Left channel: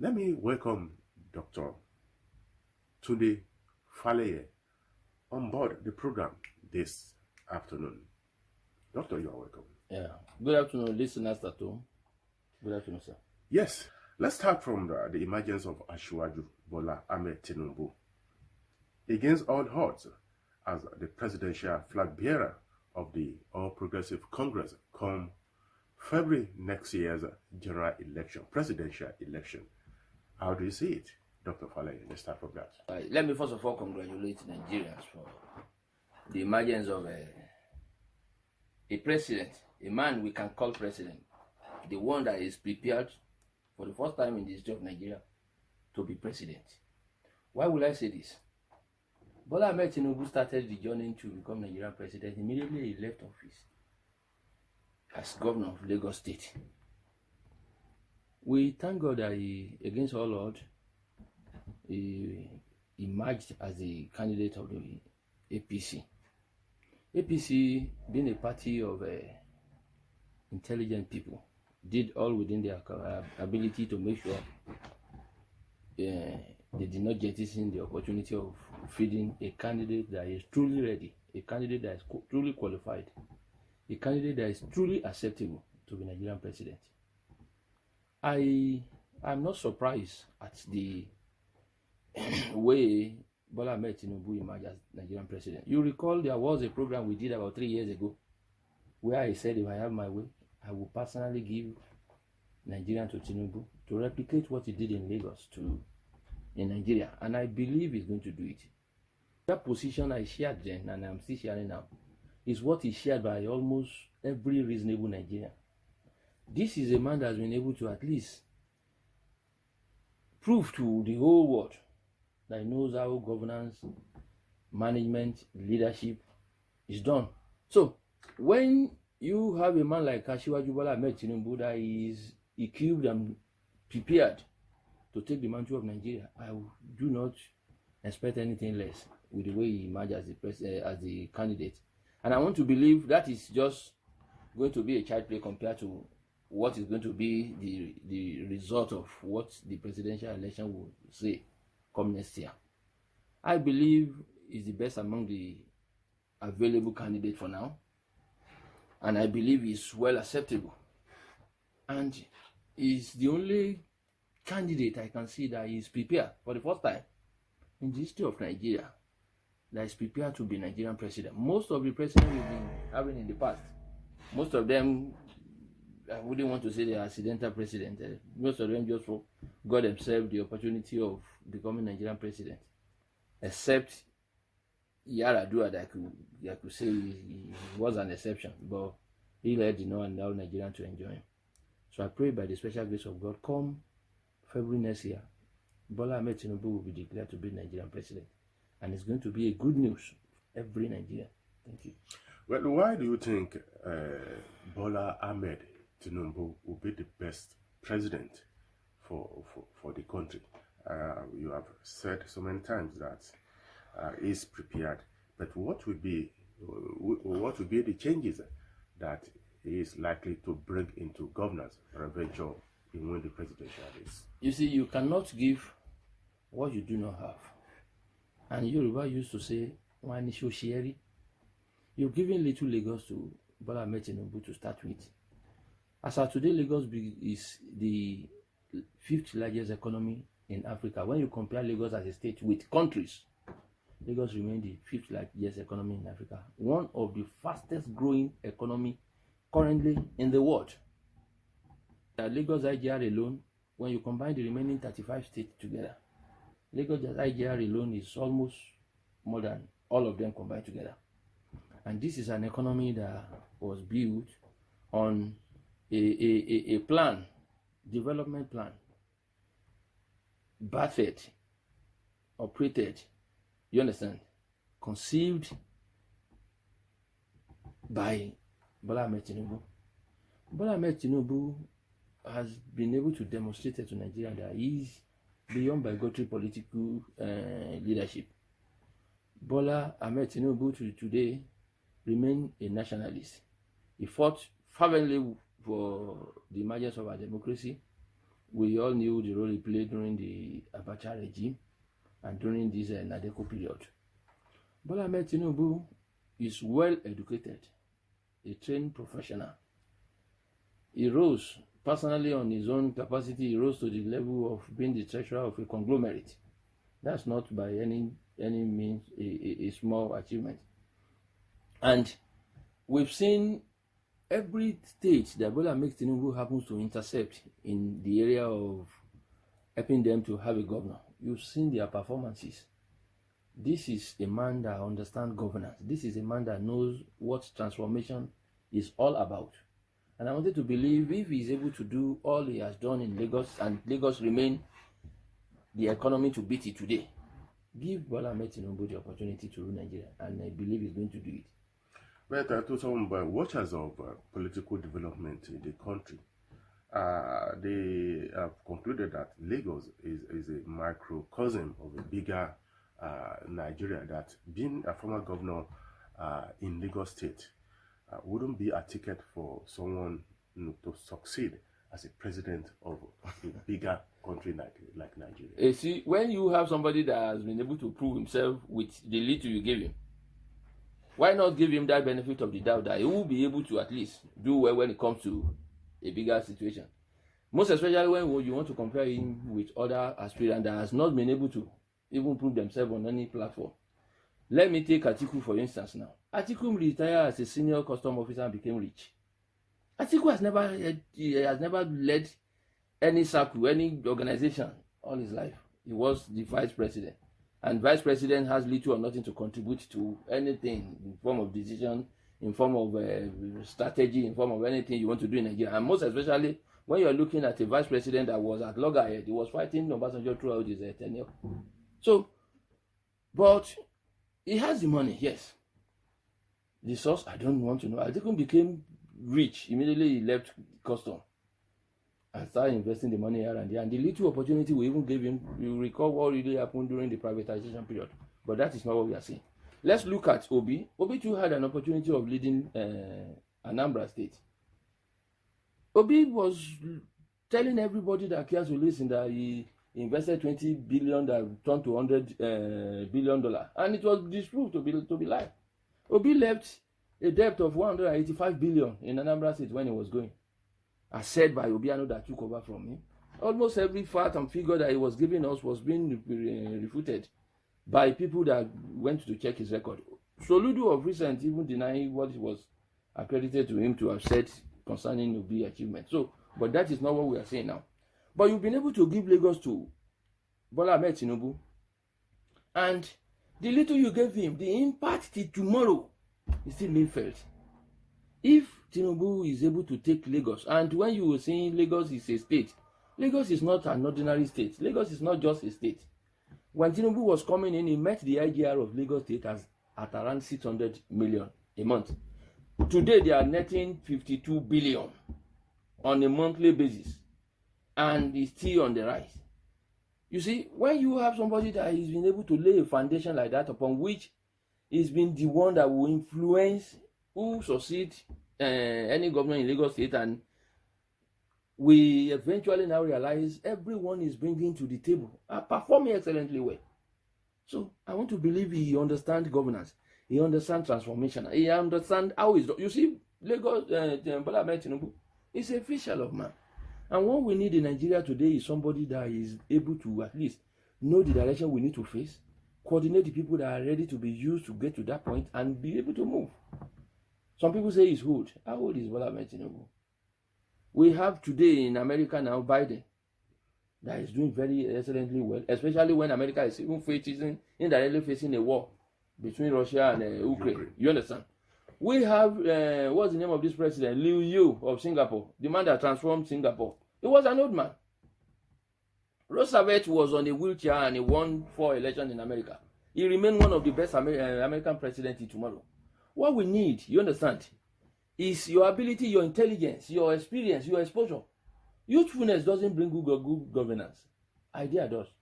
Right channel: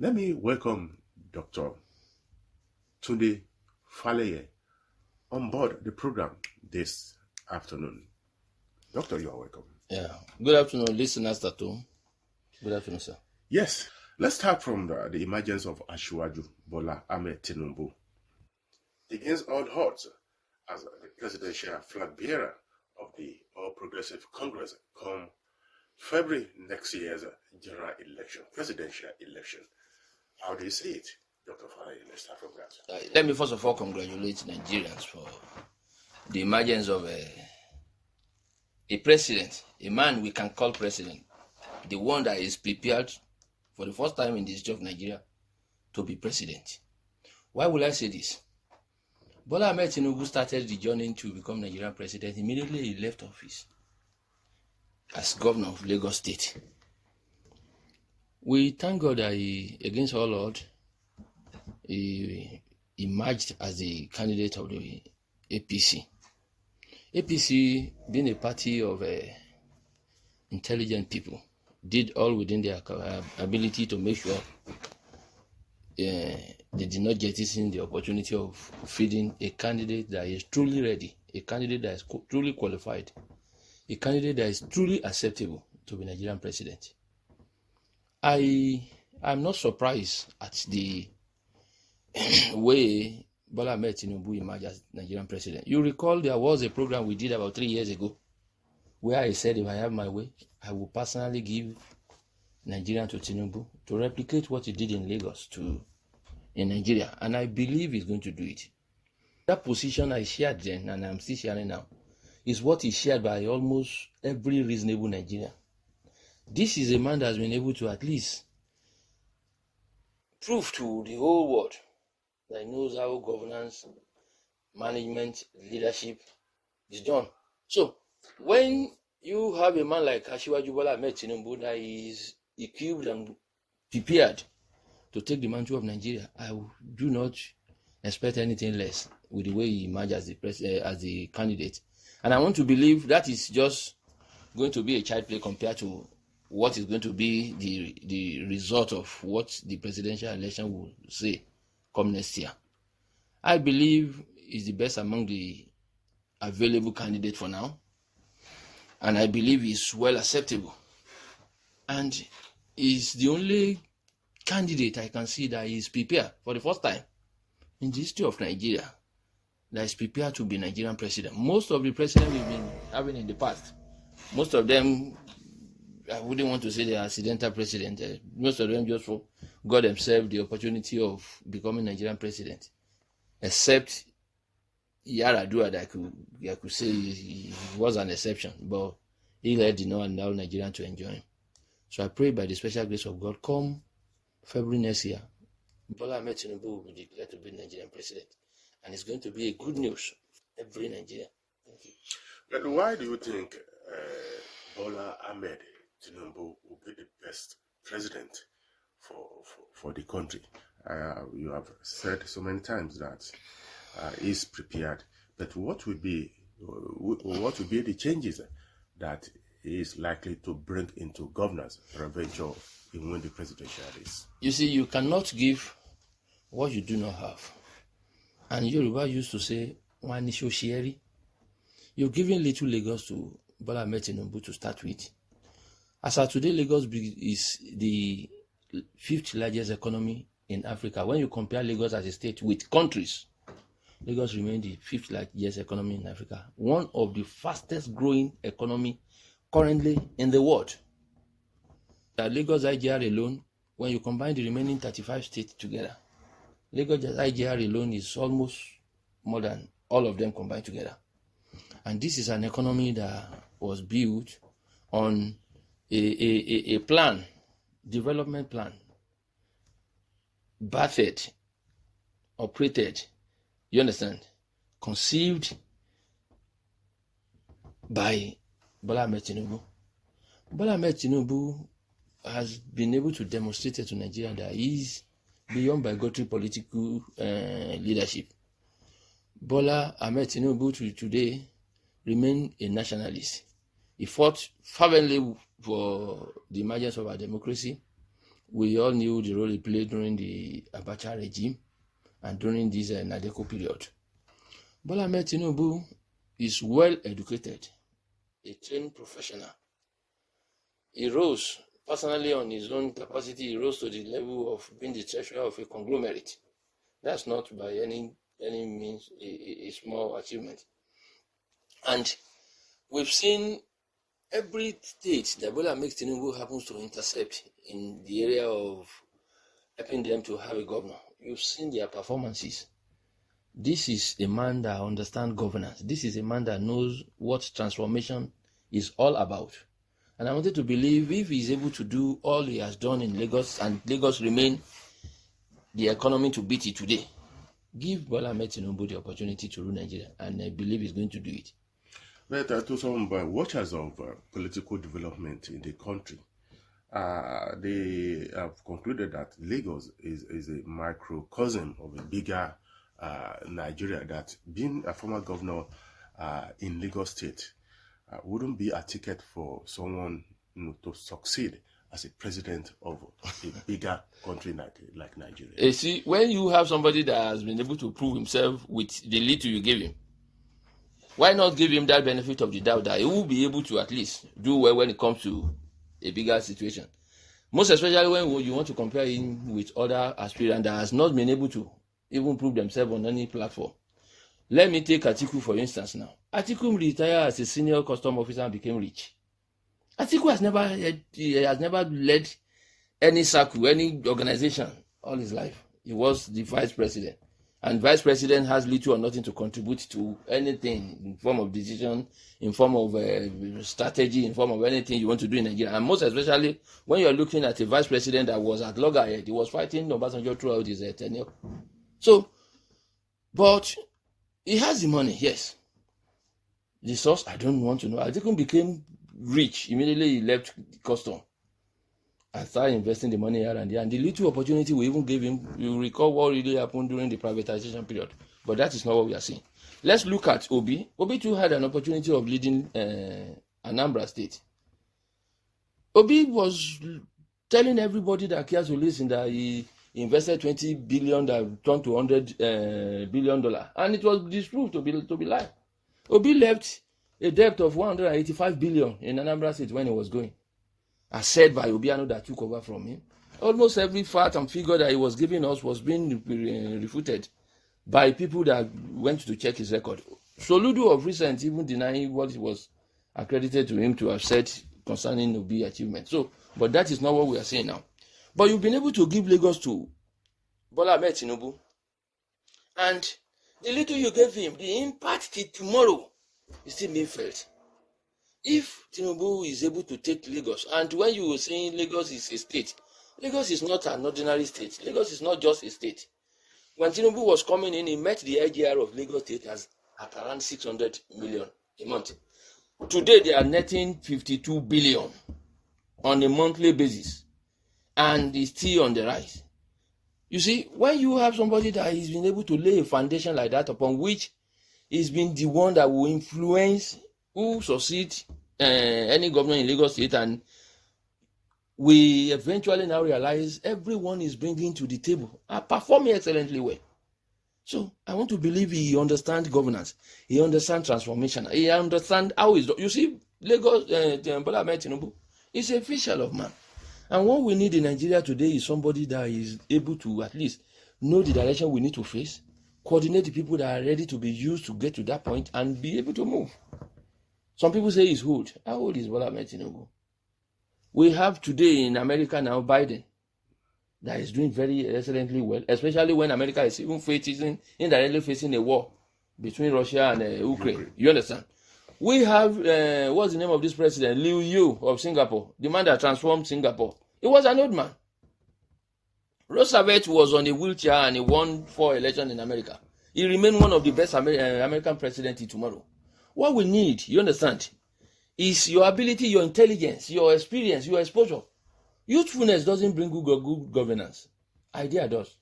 Let me welcome Dr. Tunde Faleye on board the program this afternoon. Doctor, you are welcome. Yeah. Good afternoon, listeners at home. Good afternoon, sir. Yes, let's start from the emergence of Asiwaju Bola Ahmed Tinubu. Against all odds, as the presidential flag bearer of the All Progressive Congress come February next year's general election, presidential election. How do you see it, Dr. Faleye? Let's start from that. Let me first of all congratulate Nigerians for the emergence of a president, a man we can call president, the one that is prepared for the first time in the history of Nigeria to be president. Why will I say this? Bola Ahmed Tinubu started the journey to become Nigerian president immediately he left office as governor of Lagos State. We thank God that he, against all odds, he emerged as the candidate of the APC. APC, being a party of intelligent people, did all within their ability to make sure they did not jettison the opportunity of feeding a candidate that is truly ready, a candidate that is truly qualified, a candidate that is truly acceptable to be Nigerian president. I am not surprised at the way Bola Ahmed Tinubu emerged as Nigerian president. You recall there was a program we did about 3 years ago where I said if I have my way, I will personally give Nigeria to Tinubu to replicate what he did in Lagos in Nigeria, and I believe he's going to do it. That position I shared then, and I'm still sharing now, is what is shared by almost every reasonable Nigerian. This is a man that has been able to at least prove to the whole world that he knows how governance, management, leadership is done. So, when you have a man like Asiwaju Bola Ahmed Tinubu that is equipped and prepared to take the mantle of Nigeria, I do not expect anything less with the way he emerged as the candidate. And I want to believe that is just going to be a child play compared to what is going to be the result of what the presidential election will say come next year. I believe he's the best among the available candidates for now. And I believe he's well acceptable. And he's the only candidate I can see that is prepared for the first time in the history of Nigeria that is prepared to be Nigerian president. Most of the presidents we've been having in the past, most of them, I wouldn't want to say they're accidental president. Most of them just got themselves the opportunity of becoming Nigerian president, except Yaradua that I could say he was an exception, but he led the not allow Nigerian to enjoy him. So I pray by the special grace of God, come February next year, Bola Ahmed Tinubu will be declared to be Nigerian president. And it's going to be a good news for every Nigerian. Thank you. Well, why do you think Bola Ahmed Tinubu will be the best president for the country? You have said so many times that he's prepared, but what would be the changes that he is likely to bring into governance peradventure in win the presidential race? You see, you cannot give what you do not have. And Yoruba used to say, you're giving little Lagos to Bola Ahmed Tinubu to start with. As of today, Lagos is the 5th largest economy in Africa. When you compare Lagos as a state with countries, Lagos remains the 5th largest economy in Africa. One of the fastest growing economy currently in the world. The Lagos IGR alone, when you combine the remaining 35 states together, Lagos IGR alone is almost more than all of them combined together. And this is an economy that was built on a plan, development plan, birthed, operated, you understand, conceived by Bola Ahmed Tinubu. Bola Ahmed Tinubu has been able to demonstrate to Nigeria that he is beyond bigotry political leadership. Bola Ahmed Tinubu today remain a nationalist. He fought fervently for the emergence of our democracy, We all knew the role he played during the Abacha regime and during this Nadeko period. Bola Ahmed Tinubu is well educated, a trained professional. He rose personally on his own capacity. He rose to the level of being the treasurer of a conglomerate. That's not by any means a small achievement. And we've seen every state that Bola Ahmed Tinubu happens to intercept in the area of helping them to have a governor. You've seen their performances. This is a man that understands governance. This is a man that knows what transformation is all about. And I wanted to believe if he's able to do all he has done in Lagos, and Lagos remain the economy to beat it today, give Bola Ahmed Tinubu the opportunity to rule Nigeria, and I believe he's going to do it. But to some watchers of political development in the country, they have concluded that Lagos is a microcosm of a bigger Nigeria, that being a former governor in Lagos State wouldn't be a ticket for someone to succeed as a president of a bigger country like Nigeria. You see, when you have somebody that has been able to prove himself with the little you give him, why not give him that benefit of the doubt that he will be able to at least do well when it comes to a bigger situation? Most especially when you want to compare him with other aspirants that has not been able to even prove themselves on any platform. Let me take Atiku for instance now. Atiku retired as a senior custom officer and became rich. Atiku has never led any circle, any organization all his life. He was the vice president. And vice president has little or nothing to contribute to anything in form of decision, in form of strategy, in form of anything you want to do in Nigeria. And most especially when you're looking at a vice president that was at loggerhead, he was fighting Obasanjo throughout his tenure. So, but he has the money, yes. The source, I don't want to know. Atiku became rich. Immediately he left custom and started investing the money here and there. And the little opportunity we even gave him, you recall what really happened during the privatization period. But that is not what we are seeing. Let's look at Obi. Obi too had an opportunity of leading Anambra State. Obi was telling everybody that cares to listen that he invested 20 billion that turned to $100 billion. And it was disproved to be lie. Obi left a debt of 185 billion in Anambra State when he was going, as said by Obiano that took over from him. Almost every fact and figure that he was giving us was being refuted by people that went to check his record. Soludo of recent even denying what was accredited to him to have said concerning Obi achievement. So, but that is not what we are saying now. But you've been able to give Lagos to Bola Ahmed Tinubu, and the little you gave him, the impact till tomorrow is still being felt. If Tinubu is able to take Lagos, and when you were saying Lagos is a state, Lagos is not an ordinary state. Lagos is not just a state. When Tinubu was coming in, he met the IGR of Lagos State at around 600 million a month. Today, they are netting 52 billion on a monthly basis, and it's still on the rise. You see, when you have somebody that has been able to lay a foundation like that upon which he's been the one that will influence who succeed any governor in Lagos State, and we eventually now realize everyone is bringing to the table are performing excellently well. So I want to believe he understands governance, he understands transformation, he understands how it's done. You see, Lagos, Bola Ahmed Tinubu is a official of man. And what we need in Nigeria today is somebody that is able to at least know the direction we need to face, coordinate the people that are ready to be used to get to that point, and be able to move. Some people say he's old. How old is Bola Ahmed Tinubu? We have today in America now Biden that is doing very excellently well, especially when America is even indirectly facing a war between Russia and Ukraine. You understand? We have, what's the name of this president? Liu Yu of Singapore, the man that transformed Singapore. He was an old man. Roosevelt was on a wheelchair and he won 4 elections in America. He remained one of the best American presidents tomorrow. What we need, you understand, is your ability, your intelligence, your experience, your exposure. Youthfulness doesn't bring good governance. Idea does.